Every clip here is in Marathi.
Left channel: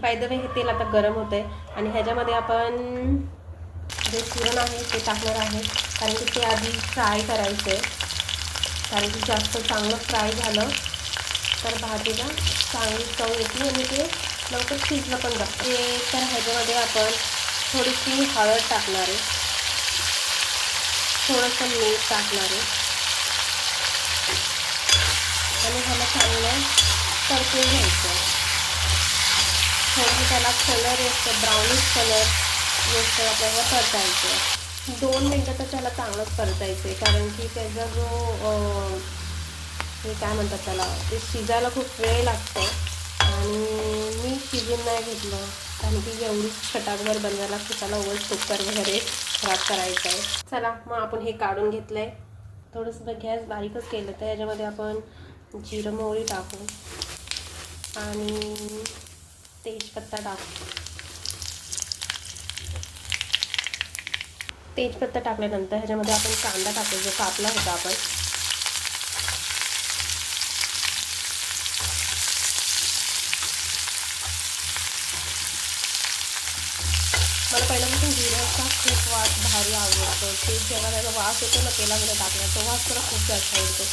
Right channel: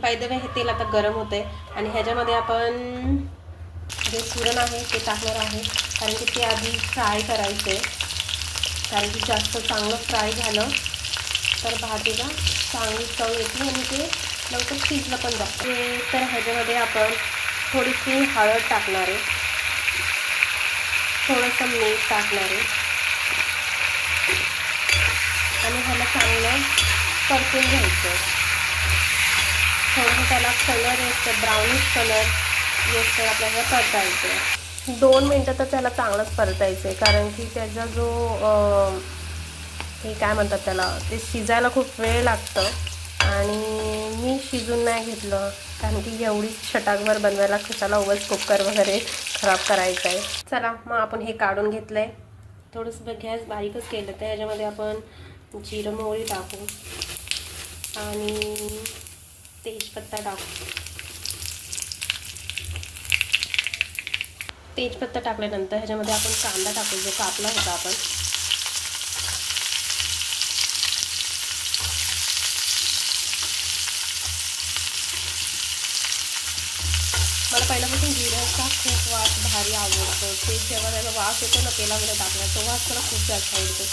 बाय द वे हे तेल आता गरम होतं आहे आणि ह्याच्यामध्ये आपण जे सुरण आहे ते टाकणार आहे, कारण की ते आधी फ्राय करायचं आहे. कारण की जास्त चांगलं फ्राय झालं तर भाजीला चांगली चव येते आणि ते लवकर शिजलं पण जातं. ते तर ह्याच्यामध्ये आपण थोडीशी हळद टाकणार आहे, थोडंसं मीठ टाकणार आहे आणि ह्याला चांगलं परतून घ्यायचं. थोडंसं त्याला कलर येतं, ब्राउनिश कलर येतं, आपल्याला परतायचं. 2 मिनटं तर त्याला चांगलंच परतायचं आहे, कारण की त्याचा जो हे काय म्हणतात त्याला, ते शिजायला खूप वेळ लागतं आणि मी शिजून नाही घेतलं, कारण की एवढी छटाकभर बनवायला कशाला उगाच कुकर वगैरे खराब करायचं आहे. चला मग आपण हे काढून घेतलं आहे. थोडंसं गॅस बारीकच केलं तर याच्यामध्ये आपण जिरं मोहरी टाकू आणि तेजपत्ता टाकू. तेजपत्ता टाकल्यानंतर ह्याच्यामध्ये आपण कांदा टाकू, जो कापला होता आपण. मला पहिल्यापासून जिऱ्याचा खूप वास भारी आवडतो. ते जेव्हा त्याचा वास येतो ना तेलामध्ये टाकला, तो वास मला खूप जास्त आवडतो.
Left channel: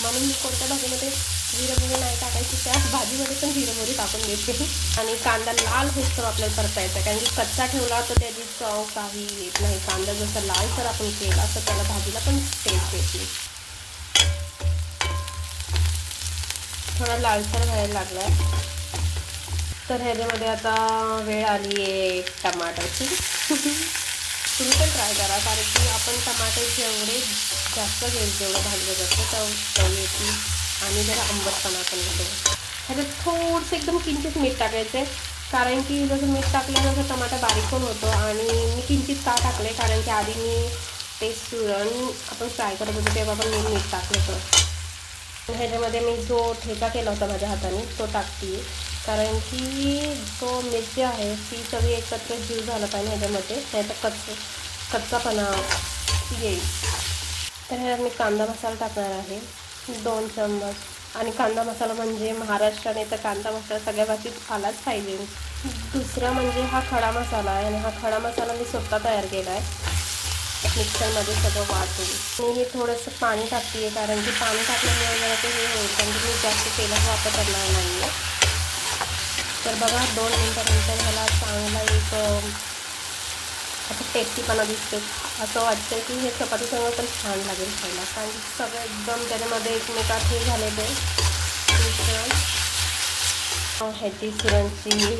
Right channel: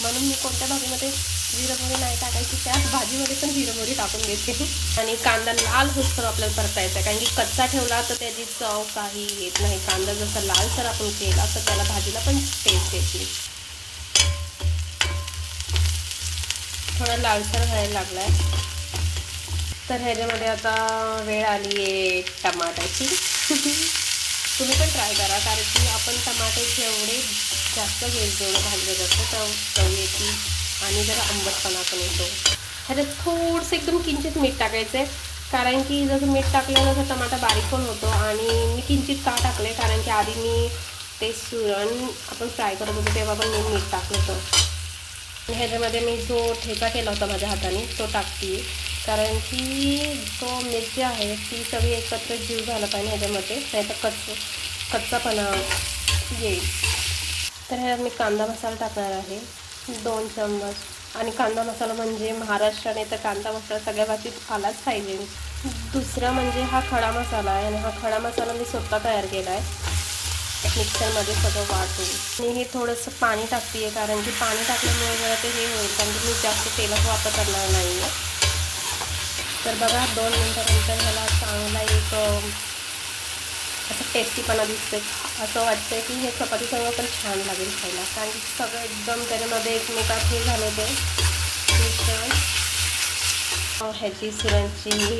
म्हणून मी कोणत्या भाजीमध्ये जिरं मोहरी नाही टाकायची, त्या भाजीमध्ये पण जिरं मोहरी टाकून देते. आणि कांदा लाल होईस्तोवर आपल्याला परतायचा, कारण की कच्चा ठेवला तर त्याची चव काही येत नाही. कांदा जसा लालसर आपण केला तर त्याला भाजीला पण टेस्ट येते. थोडा लालसर व्हायला लागलाय तर ह्याच्यामध्ये आता वेळ आली आहे टमाट्याची. तुम्ही पण ट्राय करा, कारण की आपण टमाटे जेवढे जास्त घेईल तेवढं भाजीला जास्त चव येते आणि जरा आंबटपणा पण येतो. ह्याच्यात थोडंसं एकदम किंचित मीठ टाकायचं आहे, कारण की जसं मीठ टाकलं तसं टमाटा बारीक पण होतो. आणि मी किंचित का टाकलं आहे, कारण की आधी मी ते सुरण आपण फ्राय करत होतो तेव्हा पण मी मीठ टाकलं होतं. ह्याच्यामध्ये मी जो ठेचा केला होता माझ्या हाताने तो टाकते, कारण की तो मिरची आहे ती सगळी एकत्र जीव झाला पाहिजे ह्याच्यामध्ये, नाही तर कच्चापणा येईल. तर ह्यात मी कांदा मसाला टाकणार आहे 2 चम्मच. आणि कांदा मसाला म्हणजे महाराष्ट्राने तर कांदा मसाला सगळ्या बाबतीत आलाच पाहिजे. दुसरा म्हणजे हा खडा मसाला आहे, आणि हा खडा मसाला मी स्वतः तयार केला आहे मिक्सरमध्ये सगळं वाटून. आणि हे थोडंसं पाणी टाकते आहे, कारण की पाणी टाकल्यामुळे जरा ते हे होईल, कारण की मी जास्त तेलाचा वापर करणार नाही आहे. तर बघा 2 मिनटानंतर ह्याला चांगला एक असं टेस्टीपणा दिसतो. असं वाटतं की हे चपातीसंग पण छान लागेल खायला, कारण की सगळं एकदम त्याच्यामध्ये एकमेकात हे झाले ते मिश्रण. ह्याची सुरणची